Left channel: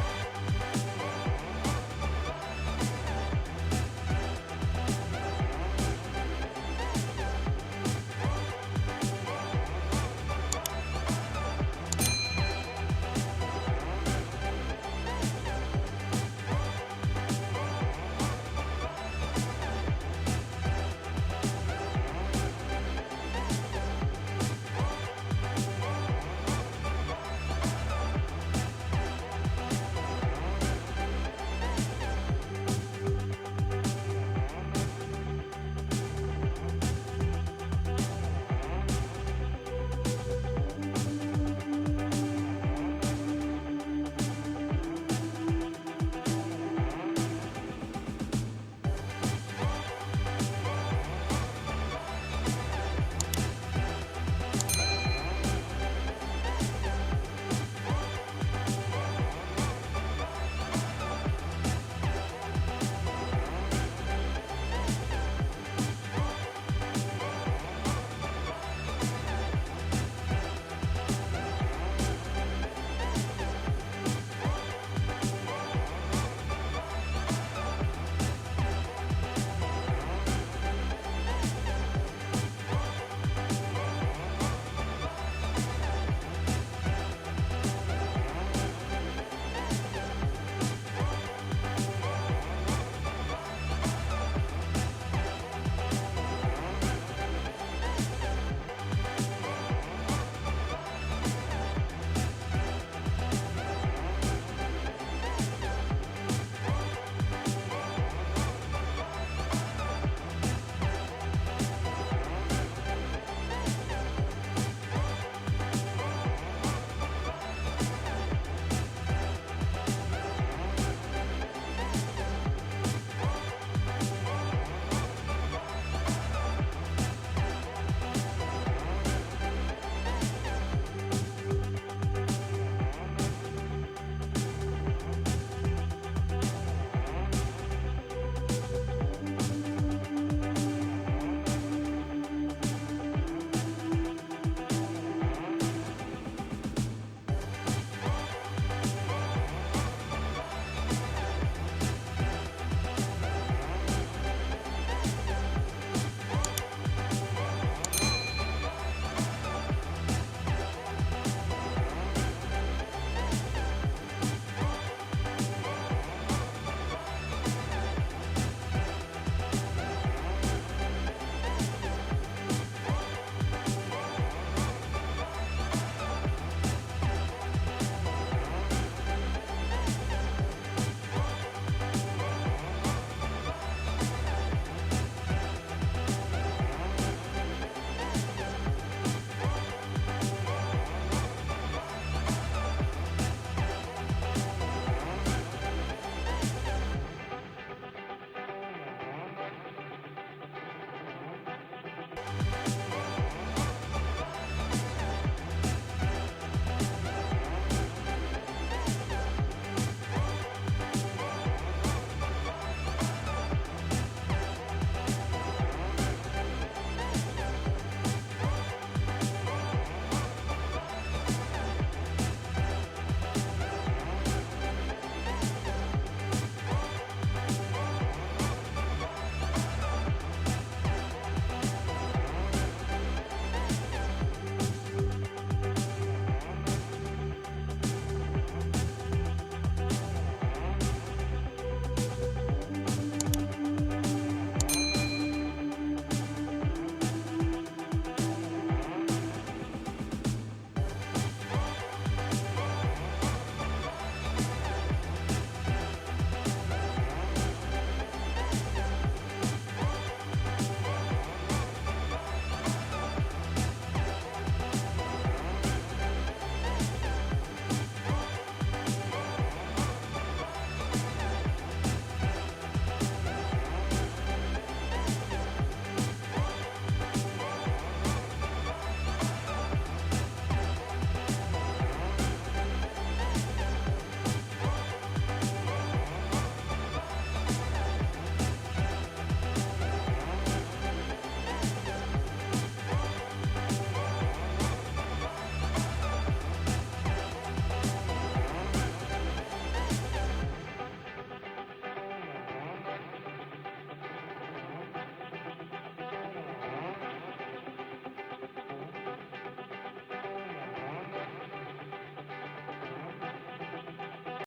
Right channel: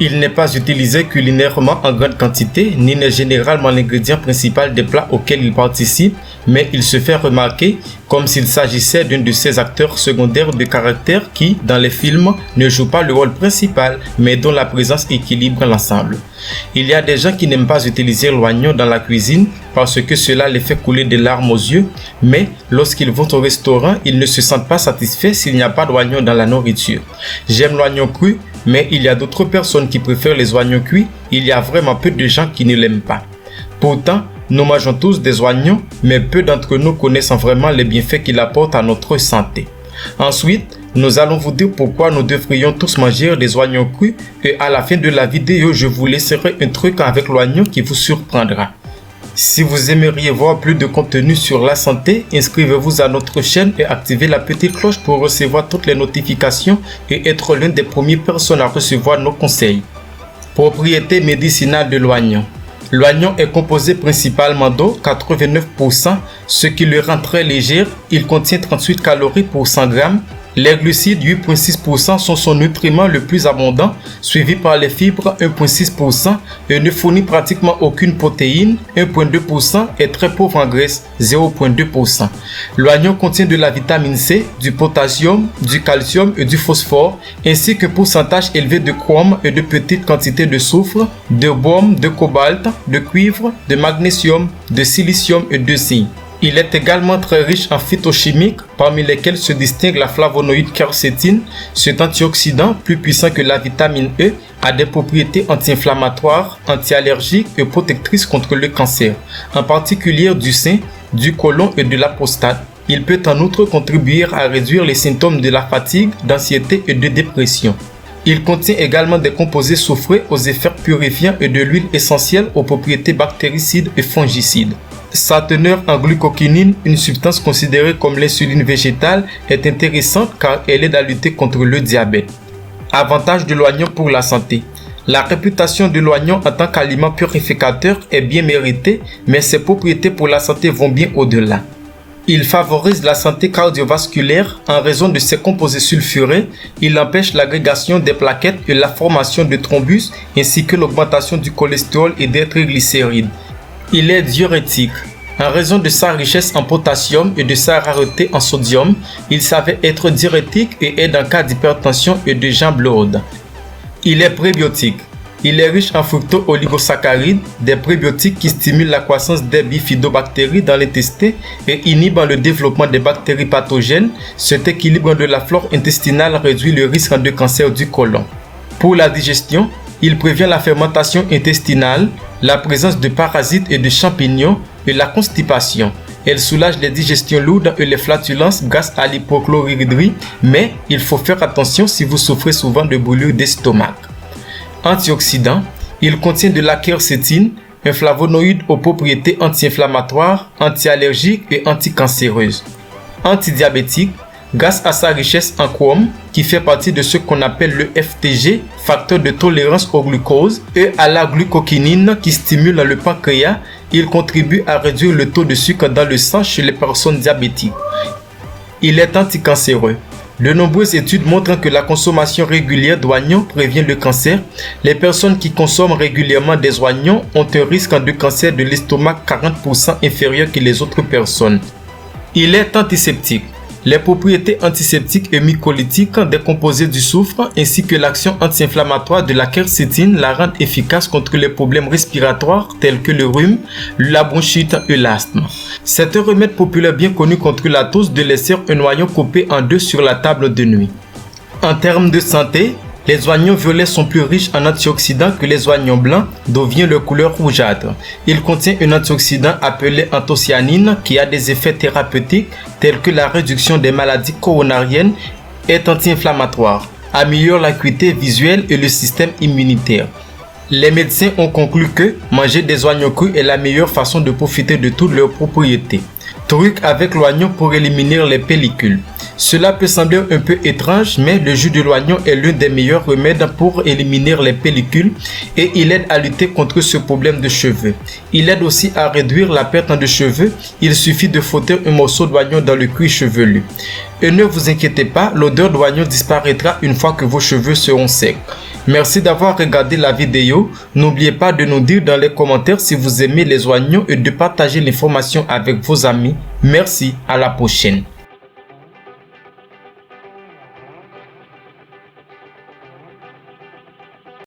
Il n'est pas utilisé culinairement en grande quantité, ni n'est généralement l'ingrédient principal des plats auxquels il participe, mais il se fait remarquer comme s'il s'agissait d'un de ces acteurs secondaires de caractère qui, dans les films, ne joue pas le rôle principal, mais dont la présence équilibre l'ensemble. Il y a des gens qui n'aiment pas utiliser l'oignon dans la cuisine parce que cela les fait couler des larmes aux yeux, mais lorsqu'ils vont au restaurant, ils ne se sentent pas satisfaits s'il n'y a pas d'oignon dans la nourriture. J'aime l'oignon cru, mais il y a d'autres personnes qui préfèrent les oignons cuits. Il y a vraiment peu de gens qui ne l'aiment pas. Pourtant, nous mangeons tous des oignons, mais peu d'entre nous connaissent vraiment les bienfaits qu'ils apportent à notre santé. Ensuite, nous allons vous dire pourquoi nous devrions tous manger des oignons crus et à la fin de la vidéo, je vous laisserai un truc avec l'oignon qui vous surprendra. Si vous aimeriez voir plus de contenu sur la santé, inscrivez-vous à notre chaîne et activez la petite cloche pour recevoir toutes les notifications et être l'une des premières personnes à recevoir nos conseils. Propriétés médicinales de l'oignon. L'oignon est composé principalement d'eau, 89%, ce qui le rend très léger. Il contient 38 calories pour 100 grammes. Les glucides, 8,6%, sont son nutriment le plus abondant, suivi par les fibres, 1,6%, et ne fournit pratiquement aucune protéine, 1,2%, et très pauvre en graisse, 0,2%. L'oignon contient de la vitamine C, du potassium, du calcium et du phosphore, ainsi qu'un pourcentage élevé de chrome et de petites quantités de soufre, de baume, de cobalt, de cuivre, de magnésium, de silicium et de zinc. Il est également très riche en phytochimiques, parmi lesquels se distingue la flavonoïde quercétine. Cet antioxydant, plus puissant que la vitamine E, a des propriétés anti-inflammatoires, anti-allergiques et protectrices contre le cancer, en particulier du sein, du côlon et de la prostate. Il peut en outre contribuer à réduire les symptômes de la fatigue, d'anxiété et de dépression. Il contient également des composés soufrés aux effets purifiants et de l'huile essentielle aux propriétés bactéricides et fongicides. Sa teneur en glucokinine, une substance considérée comme l'insuline végétale, est intéressante car elle aide à lutter contre le diabète. Avantages de l'oignon pour la santé. La réputation de l'oignon en tant qu'aliment purificateur est bien méritée, mais ses propriétés pour la santé vont bien au-delà. Il favorise la santé cardiovasculaire en raison de ses composés sulfurés. Il empêche l'agrégation des plaquettes et la formation de thrombus ainsi que l'augmentation du cholestérol et des triglycérides. Il est diurétique. En raison de sa richesse en potassium et de sa rareté en sodium, il s'avère être diurétique et aide en cas d'hypertension et de jambes lourdes. Il est prébiotique. Il est riche en fructo-oligosaccharides, des prébiotiques qui stimulent la croissance des bifidobactéries dans l'intestin et inhibent le développement des bactéries pathogènes. Cet équilibre de la flore intestinale réduit le risque de cancer du côlon. Pour la digestion, il prévient la fermentation intestinale, la présence de parasites et de champignons et la constipation. Elle soulage les digestions lourdes et les flatulences grâce à l'hypochlorhydrie, mais il faut faire attention si vous souffrez souvent de brûlures d'estomac. Antioxydant, il contient de la quercétine, un flavonoïde aux propriétés anti-inflammatoires, anti-allergiques et anticancéreuses. Antidiabétique, grâce à sa richesse en chrome, qui fait partie de ce qu'on appelle le FTG, facteur de tolérance au glucose, et à la glucokinine qui stimule le pancréas, il contribue à réduire le taux de sucre dans le sang chez les personnes diabétiques. Il est anticancéreux. De nombreuses études montrent que la consommation régulière d'oignons prévient le cancer. Les personnes qui consomment régulièrement des oignons ont un risque de cancer de l'estomac 40% inférieur que les autres personnes. Il est antiseptique. Les propriétés antiseptiques et mycolytiques des composés du soufre ainsi que l'action anti-inflammatoire de la quercétine la rendent efficace contre les problèmes respiratoires tels que le rhume, la bronchite et l'asthme. C'est un remède populaire bien connu contre la tosse de laisser un oignon coupé en deux sur la table de nuit. En termes de santé, les oignons violets sont plus riches en antioxydants que les oignons blancs, d'où vient leur couleur rougeâtre. Il contient un antioxydant appelé anthocyanine qui a des effets thérapeutiques tels que la réduction des maladies coronariennes et est anti-inflammatoire, améliore l'acuité visuelle et le système immunitaire. Les médecins ont conclu que manger des oignons crus est la meilleure façon de profiter de toutes leurs propriétés. Truc avec l'oignon pour éliminer les pellicules. Cela peut sembler un peu étrange, mais le jus de l'oignon est l'un des meilleurs remèdes pour éliminer les pellicules et il aide à lutter contre ce problème de cheveux. Il aide aussi à réduire la perte de cheveux. Il suffit de frotter un morceau d'oignon dans le cuir chevelu. Et ne vous inquiétez pas, l'odeur d'oignon disparaîtra une fois que vos cheveux seront secs. Merci d'avoir regardé la vidéo. N'oubliez pas de nous dire dans les commentaires si vous aimez les oignons et de partager l'information avec vos amis. Merci, à la prochaine.